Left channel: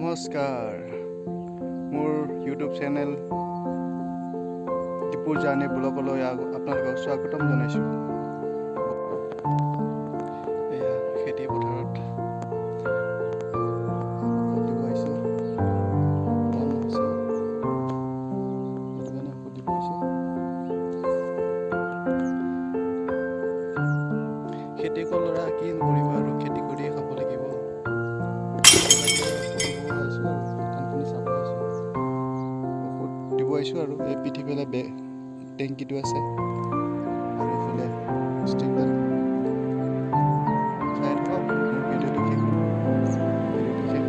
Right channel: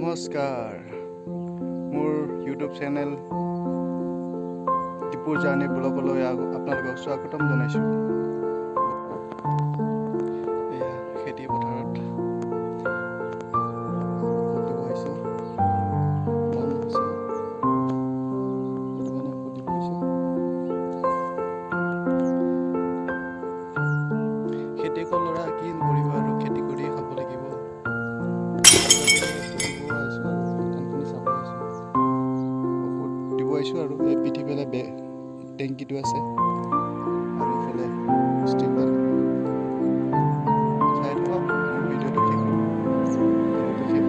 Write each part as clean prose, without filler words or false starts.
নমস্কাৰ, মোৰ YouTube channel দীপুৰ journey ব্লগলৈ আপোনালোকক স্বাগতম জনাইছোঁ। এয়া খেতি পথাৰত ঔষধ দিব আহিছোঁ। বন হৈছে, সেইটো কাৰণে ঔষধ দিব আহিছোঁ। খেতিয়কৰ ল'ৰা কি কৰিব আৰু, খেতি কৰিয়ে খাব লাগিব। দিব আহিছোঁ আৰু এই পিঠিফালে টেংকিটো আছে আৰু এইফালে ষ্টিকডাল চাই থাকক। মোৰ ভিডিঅ'টো শেষ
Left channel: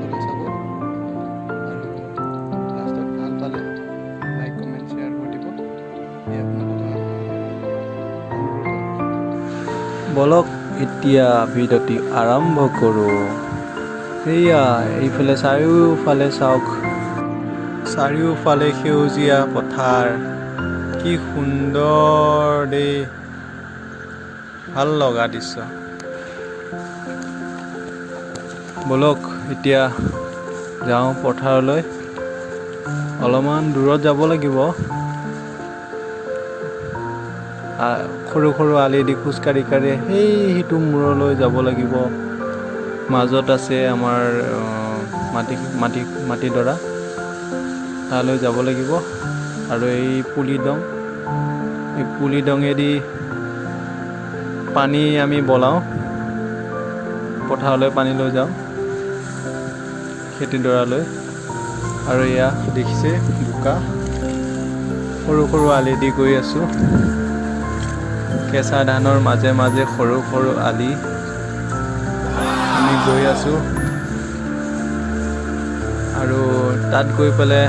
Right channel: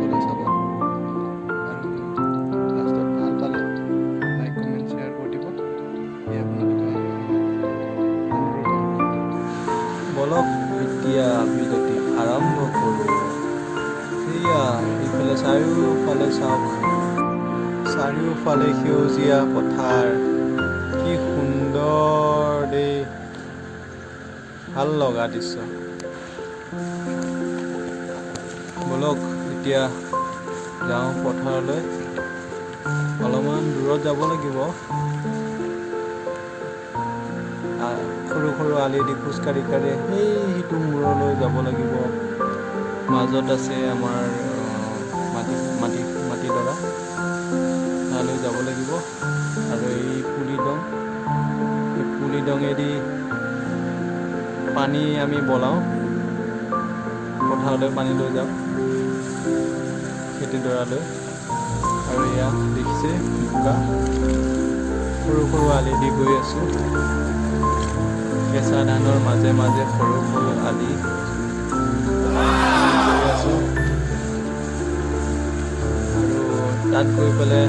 হ'লে চাব আৰু লাষ্টত ভাল পালে লাইক কমেণ্ট শ্বেয়াৰ কৰি দিব। এই আপোনালোকৰ অনুৰোধ। বলক এতিয়া ভিডিঅ'টি আৰম্ভ কৰোঁ। সেয়া এইফালে চাৰিওফালে চাওক, চাৰিওফালে সেউজীয়া পথাৰ, কি সুন্দৰ দেই, ভাল লগা দৃশ্য। বলক এতিয়া যাওঁ পথাৰলৈ, অলপমান দূৰত যাব লাগিব। সৰু সৰু আলি দি খোজকাঢ়ি কাঢ়ি সেইটো মূৰলৈ যাব লাগিব। মাজত আছে আমাৰ মাটিডৰা, তালৈ যাব লাগিব। আৰু এই পুলি দঙেদি পানী আমি বলাওঁ, পথাৰলৈ পানী লৈ যাওঁ খেতিডৰালৈ। আৰু এয়া দেখিছে বোকা, সৰু সৰু আলি দি গৈ আছোঁ। কেঁচা ধানৰ মাজে মাজে সৰু সৰু আলি আমি গৈ আছোঁ। আৰু তাত গৈ পেলাই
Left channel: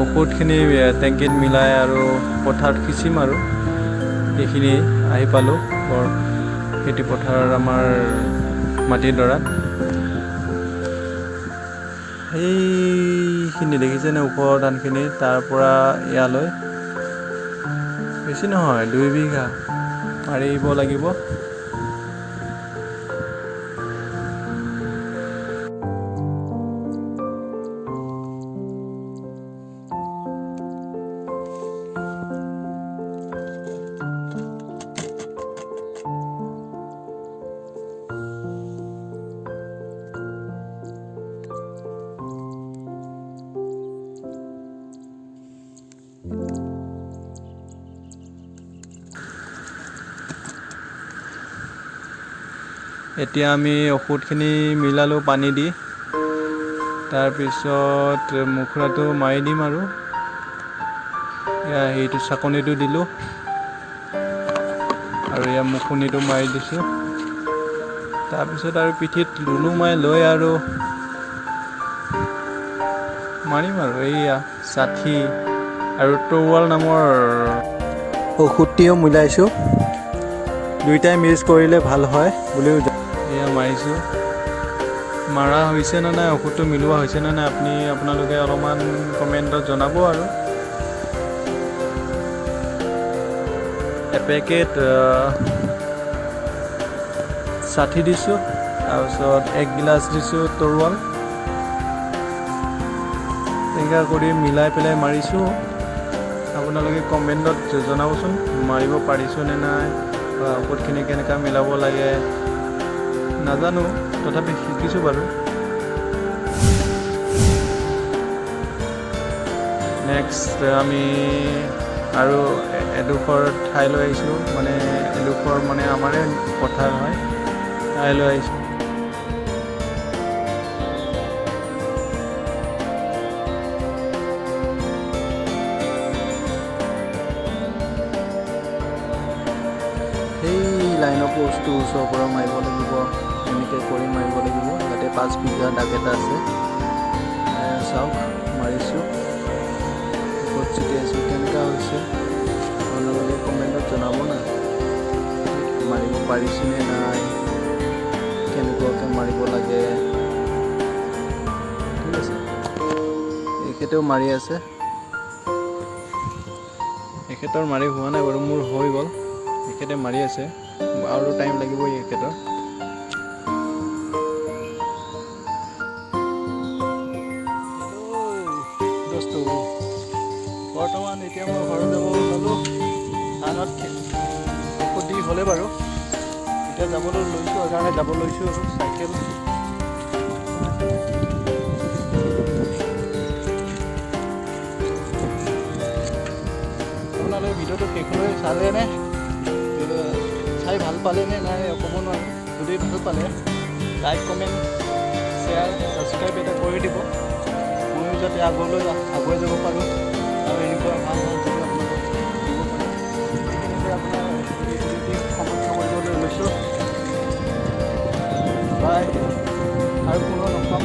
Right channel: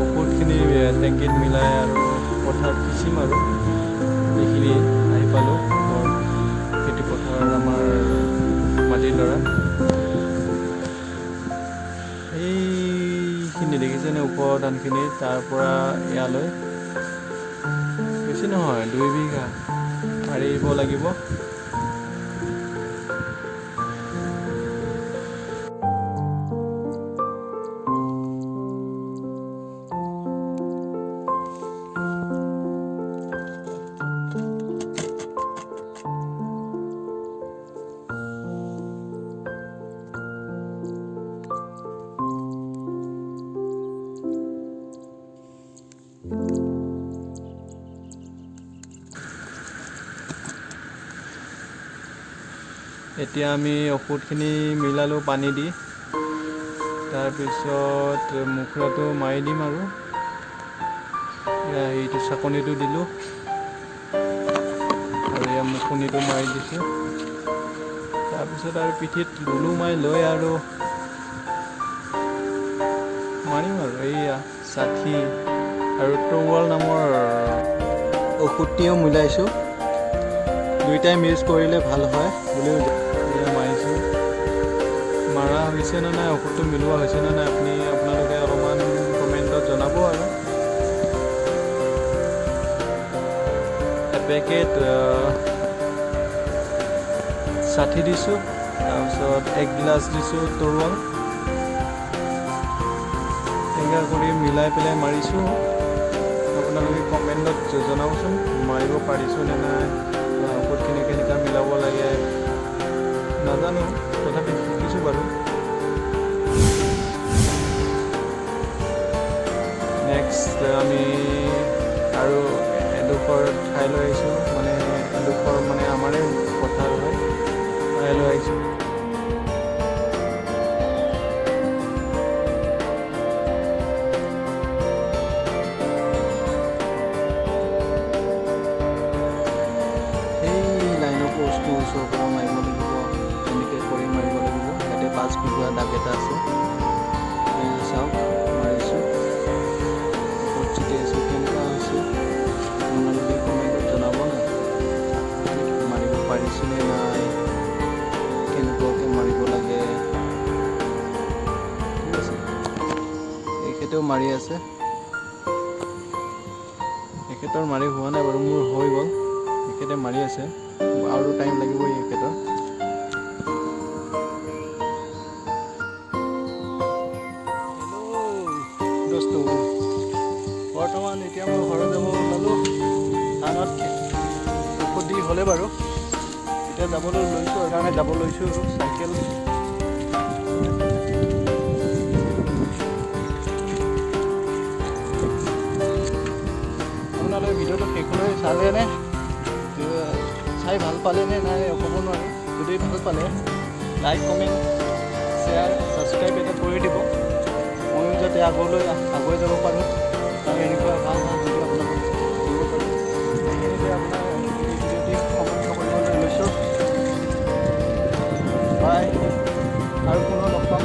ঔষধখিনি টেংকিত মিলাই আৰু পথাৰত সিঁচিম। আৰু এইখিনি আহি পালোঁ খেতি পথাৰত, আমাৰ মাটিডৰাত। সেইখিনি দেখিছেনে ওপৰৰ ধানখিনি, তাৰ পৰা ইয়ালৈ বেছি নহয় 2 বিঘা মাৰিব লাগিব। এতিয়া আমি ঔষধখিনি মিলালোঁ পানী দি, তাৰপিছত মুখৰাটো মাৰি দিম। আৰু এয়া সেইটো চাকনিটো দিলোঁ আৰু এয়া মুখনিটো মাৰি দিছোঁ। তাৰপিছত আৰু পিঠিত লুলু মাৰি লৈ আৰু মাৰিম। আৰু এইয়া ষাঠি আৰু তৰুৱাল নামৰ ঔষধটিও মিলাইছোঁ, দুইটাই মিক্স কৰিলে ভাল হয় বুলিও এয়া মাৰিছোঁ। মাৰা হৈছে নে নাই, ঔষধটো মিলোৱা হৈছে নে নাই, আপোনালোকে অলপমান কমেণ্টত জনাব। আৰু এপেকেট 60 দিছোঁ, তাৰপিছত 1 গিলাচ দিছোঁ তৰুৱাল। এনেকুৱা কৰি মিলাই পেলাই মাৰিছোঁ। আপোনালোকে কমেণ্টত জনাবচোন মাৰিব পাৰিছোঁ নে নাই, বা ঔষধখিনি কেনেকৈ মিলাব লাগে নাজানো, তথাপি শিকিছোঁ বাৰু। নেক্সট আমি আৰু এডোখৰ ঠাইলৈ আহিছোঁ, এডোখৰ আমাৰে পথাৰ হয়, ঠাইলৈ আহিছোঁ। সেই লাইনৰ পোষ্টটো ওচৰৰ পৰা মাৰিব লাগিব, এনেকৈ কৰি মাৰিব লাগিব। ইয়াতে 5 বিঘা দাগ এটা আছে, চাওক মাৰিছোঁ। ঔষধ ছিটিয়াইছোঁ, কেনেকুৱা হৈছে আপোনালোকে কমেণ্টত জনাব না। মাৰিব পাৰিছোঁ নে নাই, কেনেকুৱাকৈ মাৰিব লাগে। ঠিক আছে, এখেতেও মাৰি আছে। এখেতৰ মাৰি হোৱা নাই বাৰু, মোৰ হৈ গ'ল। এখেতে মাৰি আছে, আৰু টাইম লাগিবই এখেতৰ। দোস্তো বৰ্তমান এতিয়া মই ঘৰত যাব ওলালোঁ ধানত ঔষধ দি হ'লে বাৰু এতিয়া যাবলৈ লৈছোঁ সেইকাৰণে যাব লৈছোঁ আৰু চাইকেল আপোনালোকে ভিডিঅ'টো শেষলৈ চালেনে চাই ভাল পালেনে নাই ক'ব নোৱাৰোঁ যদি ভাল পালে লাইক কমেণ্ট শ্বেয়াৰ ছাবস্ক্ৰাইব এটা কৰি দিব ময়ো যাতে আগলৈ আগুৱাই যাব পাৰোঁ আৰু এনেকুৱা ভাল ভাল ভিডিঅ' আপোনালোকক দিব পাৰোঁ এইখিনিতে আপোনাৰ ভিডিঅ'টি সমাপ্ত কৰিবলৈ লৈছোঁ বাই আৰু পুনৰ লগ পাম